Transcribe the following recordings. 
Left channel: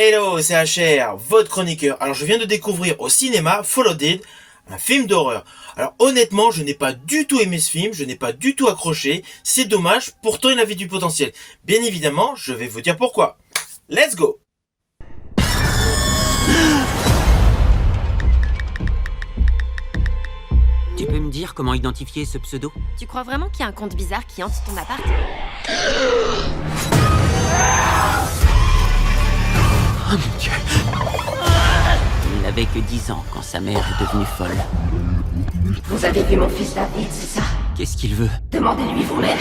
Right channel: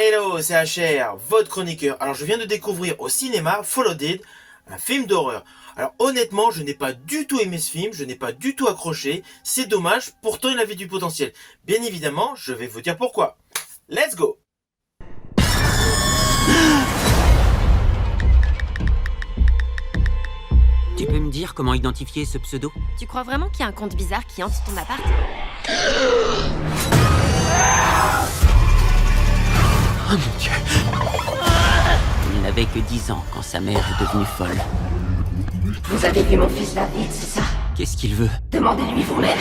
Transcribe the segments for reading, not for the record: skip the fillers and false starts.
Hello, c'est HR, votre chroniqueur. Alors je viens de découvrir au cinéma Followed It, un film d'horreur. Alors honnêtement, je n'ai pas du tout aimé ce film, je n'ai pas du tout accroché. C'est dommage, pourtant il avait du potentiel. Bien évidemment, je vais vous dire pourquoi. Let's go! Tu peux me dire comment identifier ce pseudo? Tu crois vraiment qu'il y a un compte bizarre qui hante ton appart? Oh mon Dieu! Il n'avait que 10 ans quand sa mère est devenue folle. Vous avez vu mon fils David, c'est ça? Qu'est-ce qu'il veut? Demandez-lui vous-même.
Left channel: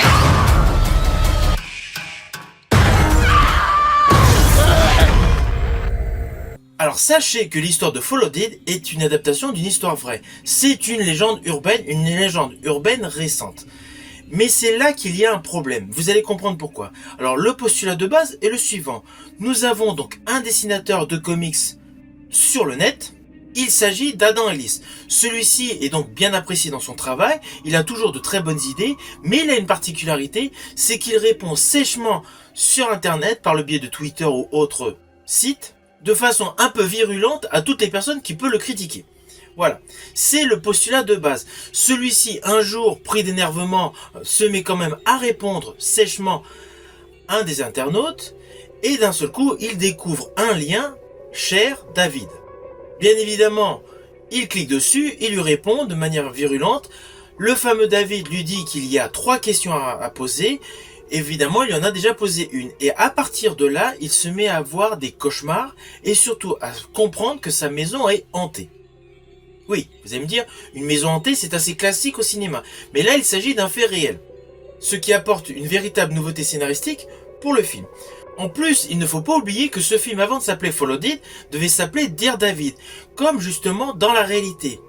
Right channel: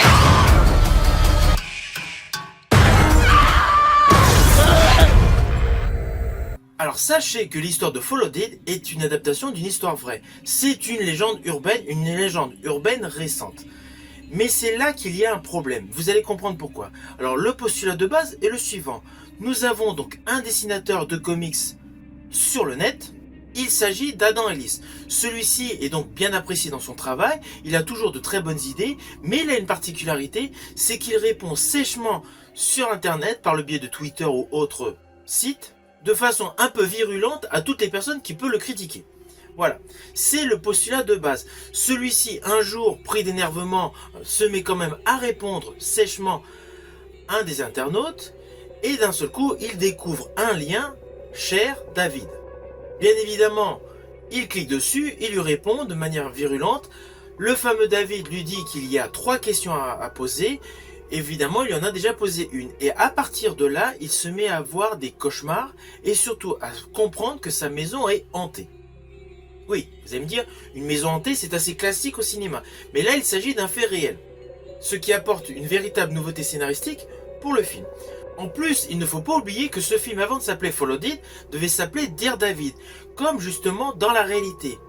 Alors sachez que l'histoire de Followed It est une adaptation d'une histoire vraie. C'est une légende urbaine récente. Mais c'est là qu'il y a un problème, vous allez comprendre pourquoi. Alors le postulat de base est le suivant. Nous avons donc un dessinateur de comics sur le net. Il s'agit d'Adam Ellis. Celui-ci est donc bien apprécié dans son travail, il a toujours de très bonnes idées, mais il a une particularité, c'est qu'il répond sèchement sur internet par le biais de Twitter ou autres sites, de façon un peu virulente à toutes les personnes qui peuvent le critiquer. Voilà, c'est le postulat de base. Celui-ci, un jour, pris d'énervement, se met quand même à répondre sèchement à un des internautes, et d'un seul coup, il découvre un lien, cher David. Bien évidemment, il clique dessus, il lui répond de manière virulente. Le fameux David lui dit qu'il y a 3 questions à poser. Évidemment, il y en a déjà posé une. Et à partir de là, il se met à avoir des cauchemars et surtout à comprendre que sa maison est hantée. Oui, vous allez me dire, une maison hantée, c'est assez classique au cinéma. Mais là, il s'agit d'un fait réel. Ce qui apporte une véritable nouveauté scénaristique pour le film. En plus, il ne faut pas oublier que ce film, avant de s'appeler Followed It, devait s'appeler Dear David, comme justement dans la réalité.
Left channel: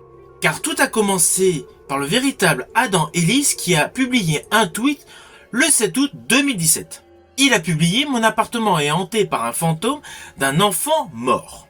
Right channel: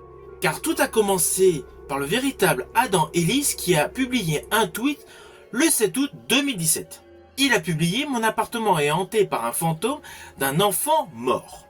Car tout a commencé par le véritable Adam Ellis qui a publié un tweet le 7 août 2017. Il a publié « Mon appartement est hanté par un fantôme d'un enfant mort ».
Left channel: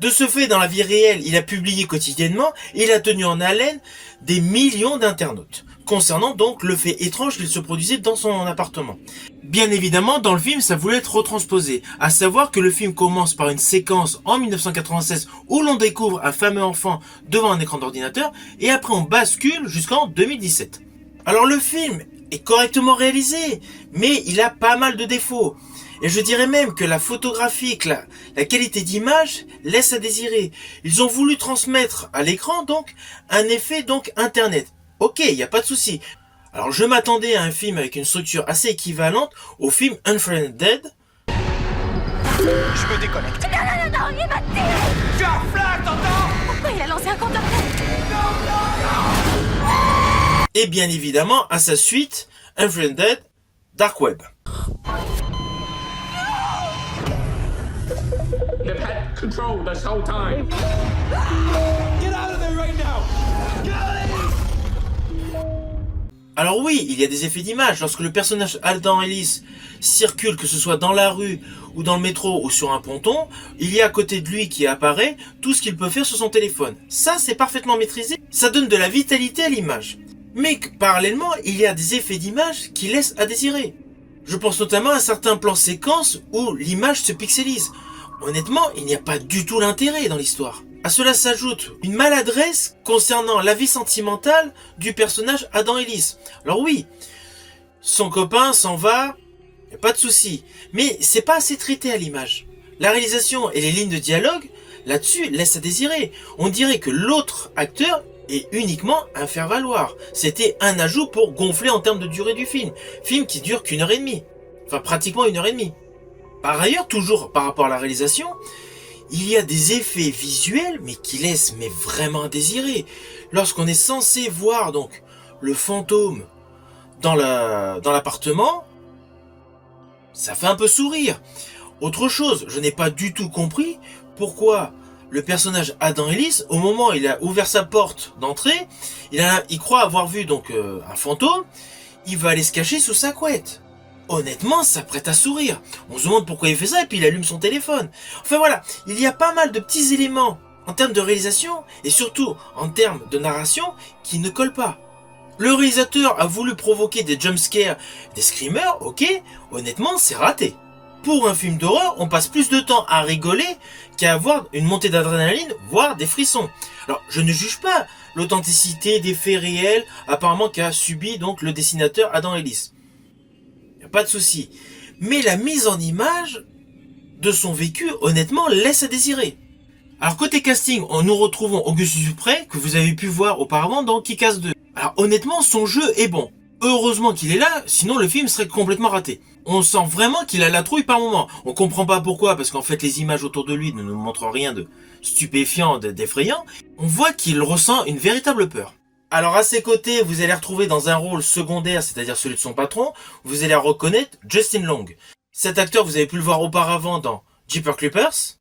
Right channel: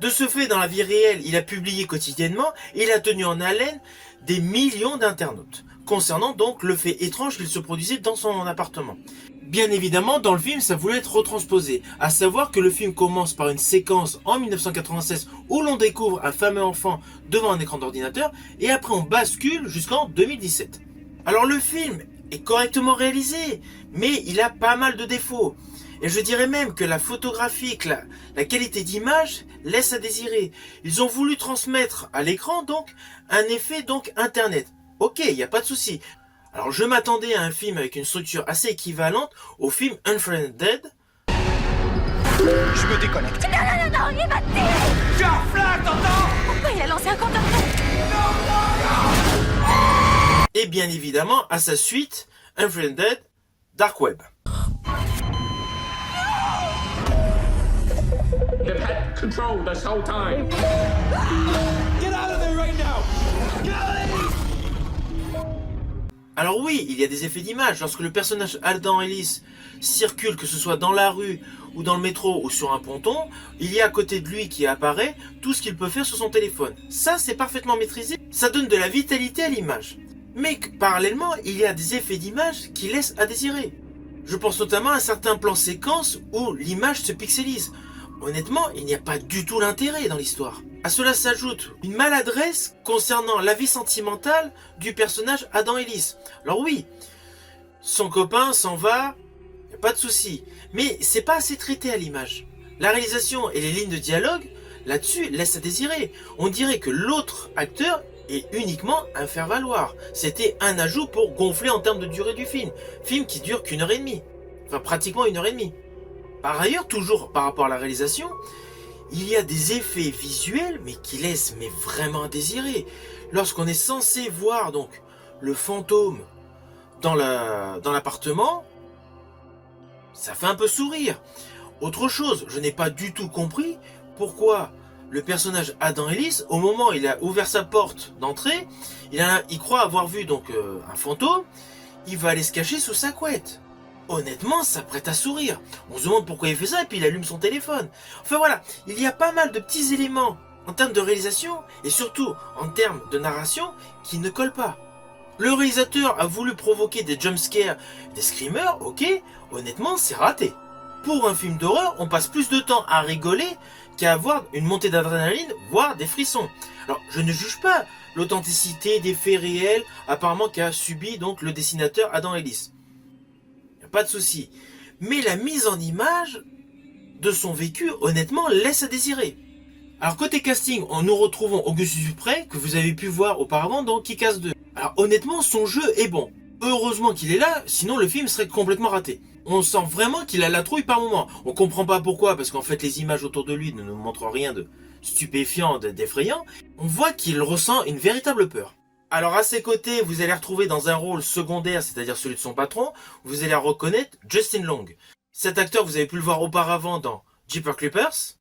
De ce fait, dans la vie réelle, il a publié quotidiennement et il a tenu en haleine des millions d'internautes, concernant donc le fait étrange qu'il se produisait dans son appartement. Bien évidemment, dans le film, ça voulait être retransposé, à savoir que le film commence par une séquence en 1996 où l'on découvre un fameux enfant devant un écran d'ordinateur et après on bascule jusqu'en 2017. Alors le film est correctement réalisé, mais il a pas mal de défauts. Et je dirais même que la photographie, la qualité d'image laisse à désirer. Ils ont voulu transmettre à l'écran donc un effet donc internet. Ok, il n'y a pas de souci. Alors je m'attendais à un film avec une structure assez équivalente au film Unfriended. Je me déconnecte. Non, il va te tirer! Tu as un flingue, t'entends? Pourquoi il a lancé un compteur d'eau? Et bien évidemment à sa suite, Unfriended Dark Web. They've had control this whole time. Get out of there right now! Alors oui, il y a des effets d'image. Lorsque le personnage Adam Ellis circule, que ce soit dans la rue ou dans le métro ou sur un ponton, il y a à côté de lui qui apparaît tout ce qu'il peut faire sur son téléphone. Ça, c'est parfaitement maîtrisé. Ça donne de la vitalité à l'image. Mais parallèlement, il y a des effets d'image qui laissent à désirer. Je pense notamment à certains plans séquences où l'image se pixelise. Honnêtement, il n'y a pas du tout l'intérêt dans l'histoire. À cela s'ajoute une maladresse concernant la vie sentimentale du personnage Adam Ellis. Alors oui, son copain s'en va, y a pas de souci, mais c'est pas assez traité à l'image. La réalisation et les lignes de dialogue là-dessus laissent à désirer. On dirait que l'autre acteur est uniquement un faire-valoir. C'était un ajout pour gonfler en termes de durée du film. Film qui dure qu'1 heure et demie. Enfin pratiquement 1 heure et demie. Par ailleurs, toujours par rapport à la réalisation, il y a des effets visuels mais qui laissent vraiment à désirer. Lorsqu'on est censé voir donc le fantôme dans l'appartement, ça fait un peu sourire. Autre chose, je n'ai pas du tout compris pourquoi le personnage Adam Ellis, au moment où il a ouvert sa porte d'entrée, il croit avoir vu donc un fantôme, il va aller se cacher sous sa couette. Honnêtement, ça prête à sourire. On se demande pourquoi il fait ça et puis il allume son téléphone. Enfin voilà, il y a pas mal de petits éléments en termes de réalisation et surtout en termes de narration qui ne collent pas. Le réalisateur a voulu provoquer des jumpscares, des screamers, ok, honnêtement c'est raté. pour un film d'horreur, on passe plus de temps à rigoler qu'à avoir une montée d'adrénaline, voire des frissons. Alors, je ne juge pas l'authenticité des faits réels, apparemment qu'a subi donc le dessinateur Adam Ellis. Y a pas de souci. Mais la mise en image de son vécu, honnêtement, laisse à désirer. Alors, côté casting, nous retrouvons Augustus Dupret, que vous avez pu voir auparavant dans Kick-Ass 2. Alors, honnêtement, son jeu est bon. Heureusement qu'il est là, sinon le film serait complètement raté. On sent vraiment qu'il a la trouille par moment. On comprend pas pourquoi, parce qu'en fait les images autour de lui ne nous montrent rien de stupéfiant, d'effrayant. On voit qu'il ressent une véritable peur. Alors à ses côtés, vous allez retrouver dans un rôle secondaire, c'est-à-dire celui de son patron, vous allez reconnaître Justin Long. Cet acteur, vous avez pu le voir auparavant dans Jeepers Creepers.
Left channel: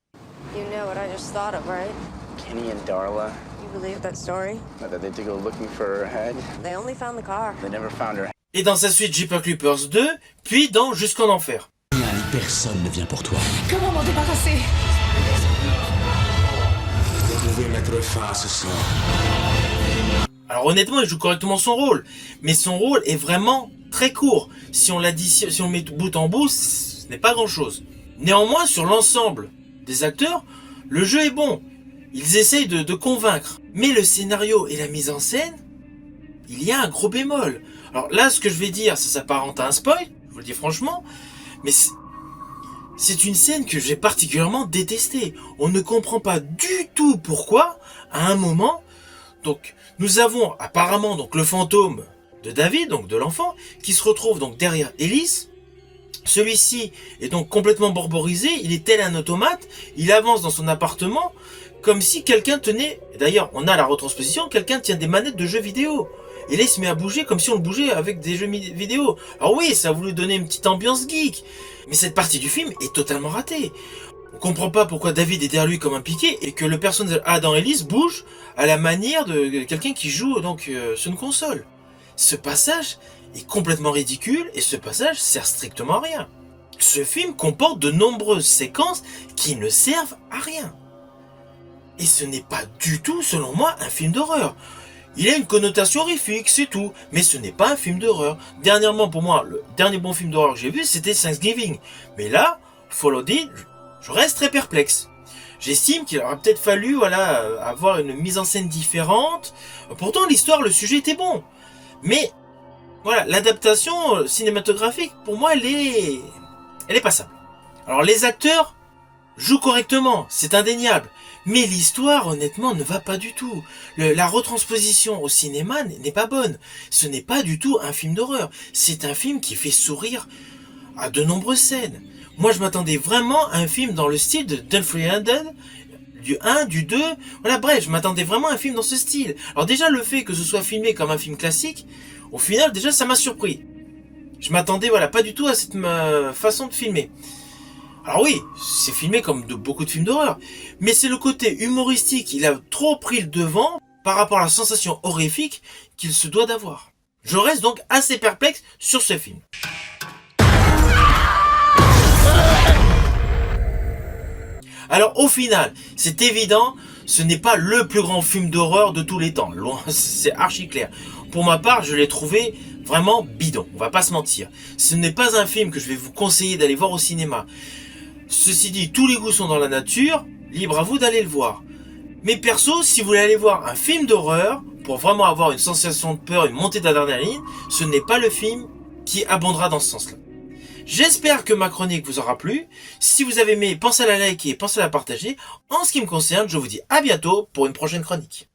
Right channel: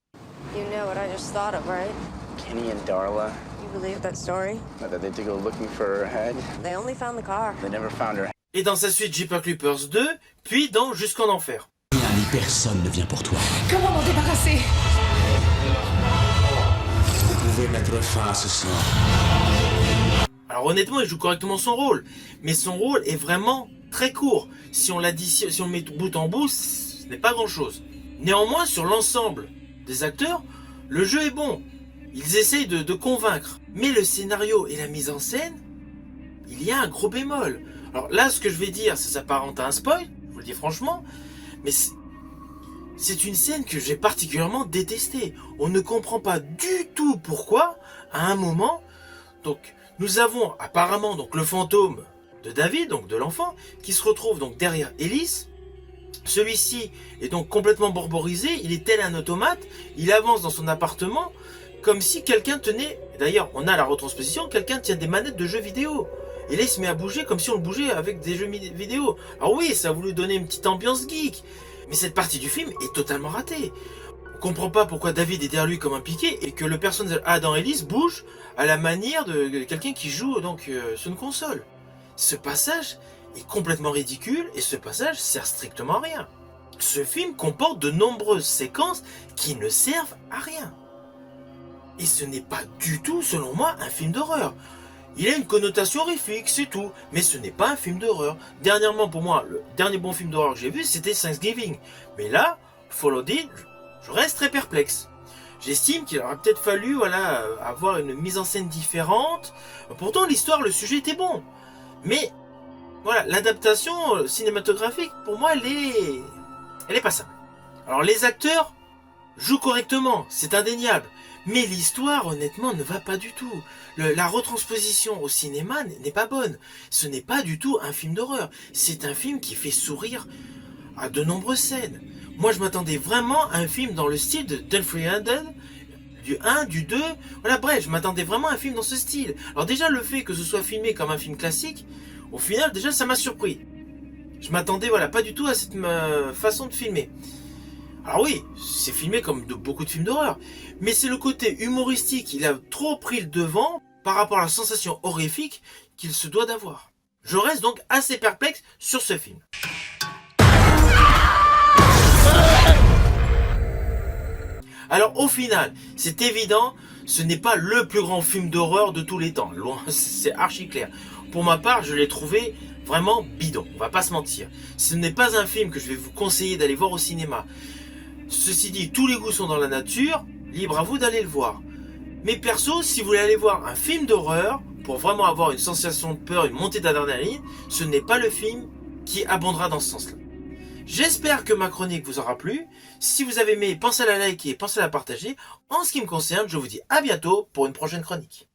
You know what I just thought of, right? Kenny and Darla, You believe that story? that they had to go looking for her head. They only found the car. They never found her. Et dans sa suite Jeepers Creepers 2, puis dans Jusqu'en Enfer. Rien ni personne ne vient pour toi. Comment m'en débarrasser? Vous pouvez mettre fin à ce sort. Alors honnêtement, il joue correctement son rôle, mais son rôle est vraiment très court. Si on l'additionne, si on met bout en bout, ce n'est pas grand-chose. Néanmoins, sur l'ensemble des acteurs, le jeu est bon. Ils essayent de convaincre. Mais le scénario et la mise en scène, il y a un gros bémol. Alors là, ce que je vais dire, ça s'apparente à un spoil, je vous le dis franchement, mais c'est une scène que j'ai particulièrement détestée. On ne comprend pas du tout pourquoi, à un moment, donc nous avons apparemment donc le fantôme de David, donc de l'enfant, qui se retrouve donc derrière Ellis. Celui-ci est donc complètement borborisé, il est tel un automate, il avance dans son appartement comme si quelqu'un tenait, d'ailleurs on a la retransposition, quelqu'un tient des manettes de jeux vidéo. Et là il se met à bouger comme si on le bougeait avec des jeux vidéo. Alors oui, ça a voulu donner une petite ambiance geek, mais cette partie du film est totalement ratée. On comprend pas pourquoi David est derrière lui comme un piqué et que le personnage Adam Ellis bouge à la manière de quelqu'un qui joue donc sur une console. Ce passage est complètement ridicule et ce passage sert strictement à rien. Ce film comporte de nombreuses séquences qui ne servent à rien. Et ce n'est pas du tout, selon moi, un film d'horreur. Il a une connotation horrifique, c'est tout, mais ce n'est pas un film d'horreur. Dernièrement, pour moi, le dernier bon film d'horreur que j'ai vu, c'était Thanksgiving. Mais là, Followed It, je reste très perplexe. J'estime qu'il aurait peut-être fallu avoir une mise en scène différente. Pourtant, l'histoire, le sujet était bon. Mais voilà, l'adaptation cinématographique, pour moi, elle est passable. Alors, les acteurs jouent correctement, c'est indéniable. Mais l'histoire, honnêtement, ne va pas du tout. La retransposition au cinéma n'est pas bonne. Ce n'est pas du tout un film d'horreur. C'est un film qui fait sourire à de nombreuses scènes. Moi, je m'attendais vraiment à un film dans le style de Unfriended, du 1, du 2. Voilà, bref, je m'attendais vraiment à un film dans ce style. Alors déjà, le fait que ce soit filmé comme un film classique, au final, déjà, ça m'a surpris. Je m'attendais, pas du tout à cette façon de filmer. Alors oui, c'est filmé comme beaucoup de films d'horreur, mais c'est le côté humoristique, il a trop pris le devant par rapport à la sensation horrifique qu'il se doit d'avoir. Je reste donc assez perplexe sur ce film. Alors au final, c'est évident, ce n'est pas le plus grand film d'horreur de tous les temps, loin, c'est archi clair. Pour ma part, je l'ai trouvé vraiment bidon, on va pas se mentir. Ce n'est pas un film que je vais vous conseiller d'aller voir au cinéma. Ceci dit, tous les goûts sont dans la nature, libre à vous d'aller le voir. Mais perso, si vous voulez aller voir un film d'horreur, pour vraiment avoir une sensation de peur, une montée d'adrénaline, ce n'est pas le film qui abondera dans ce sens-là. J'espère que ma chronique vous aura plu. Si vous avez aimé, pensez à la liker, pensez à la partager. En ce qui me concerne, je vous dis à bientôt pour une prochaine chronique.